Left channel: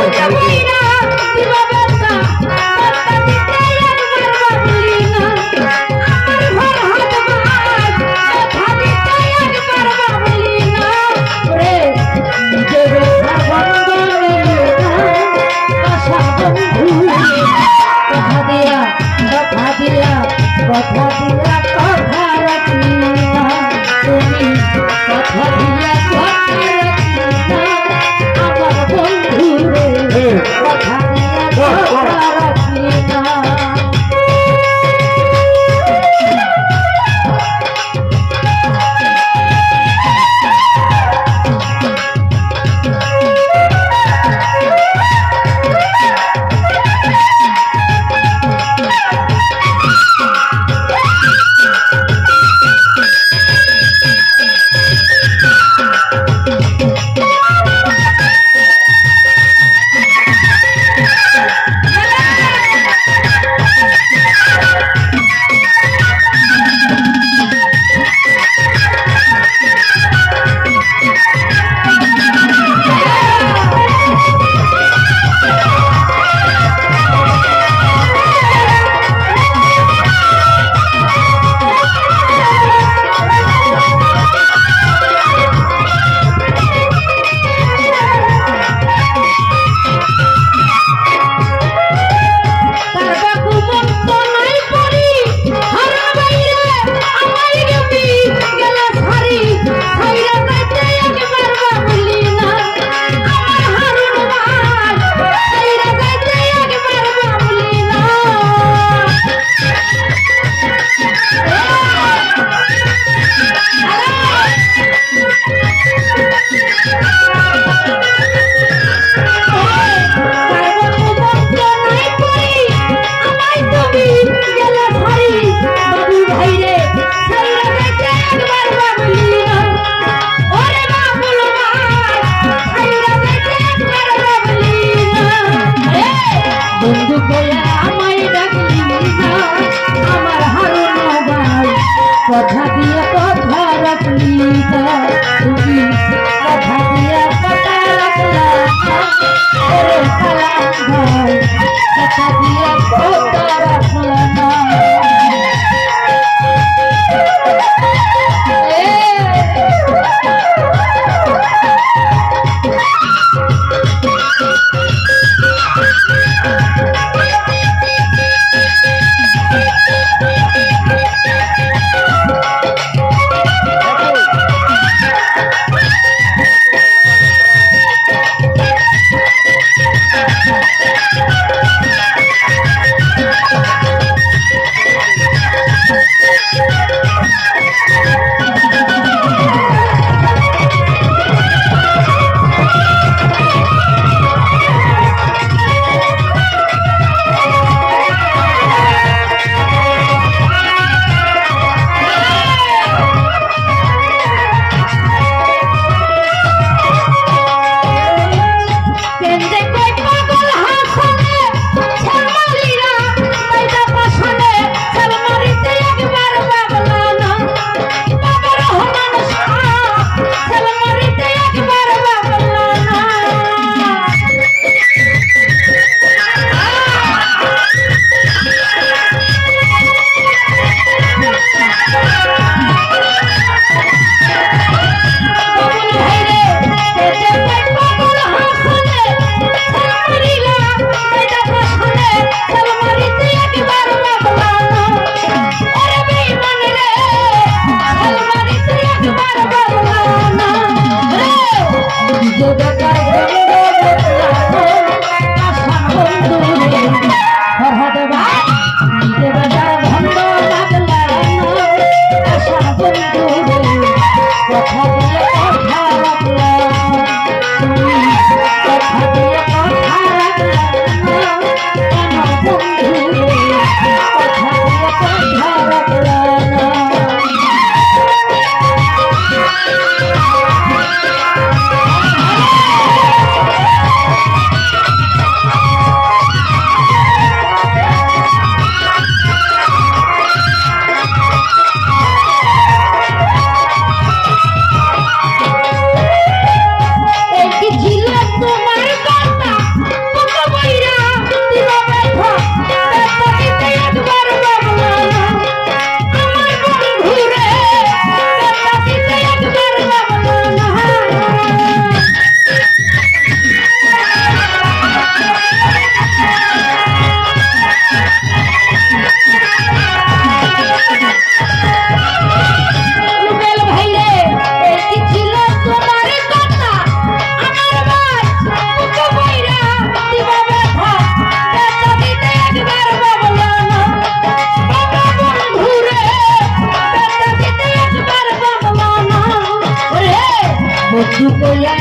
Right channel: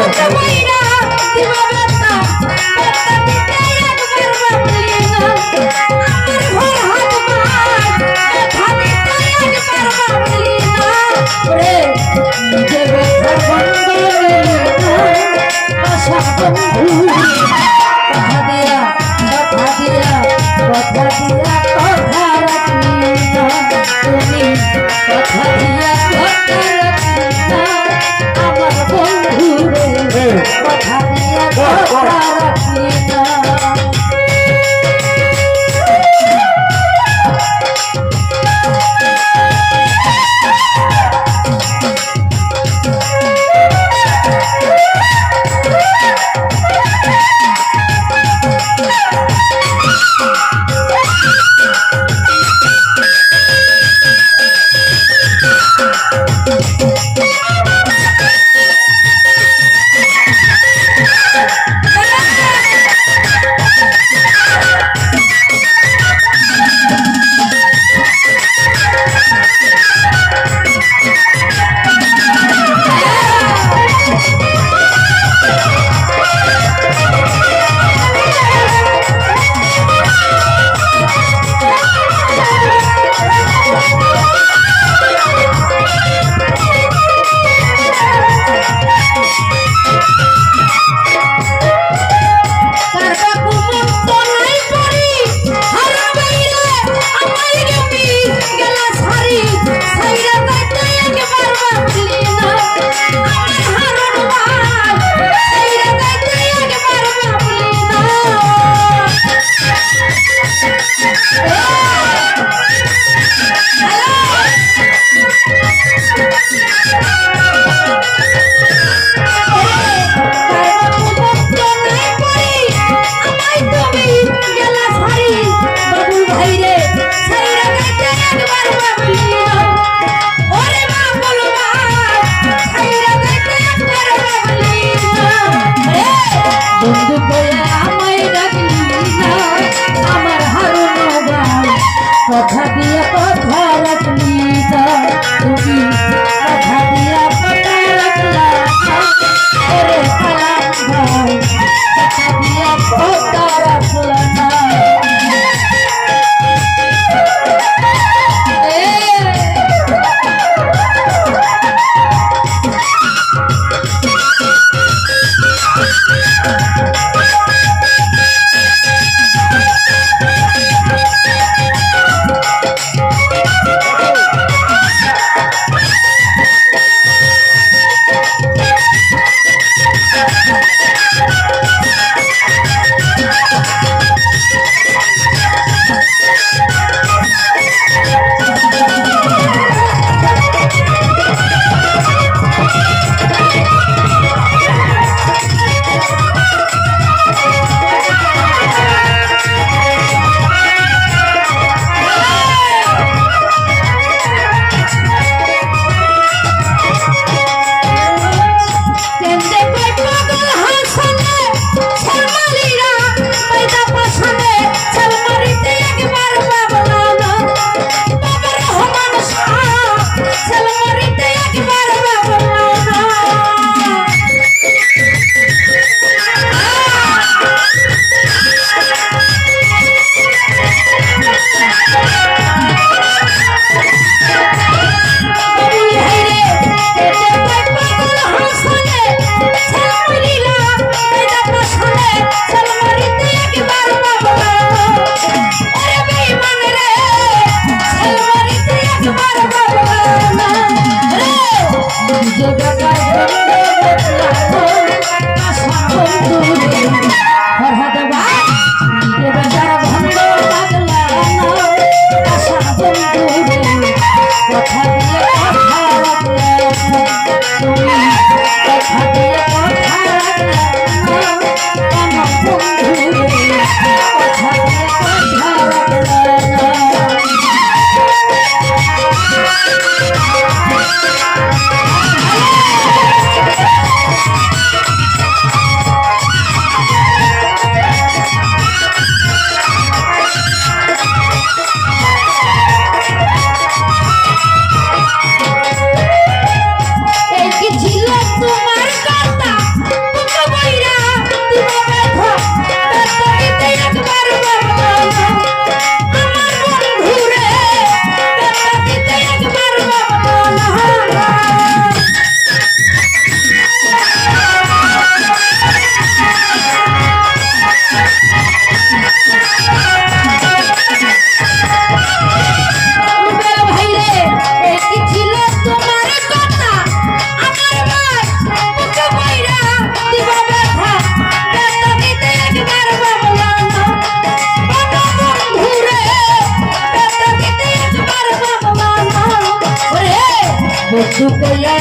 Yeah. Happy chocolate.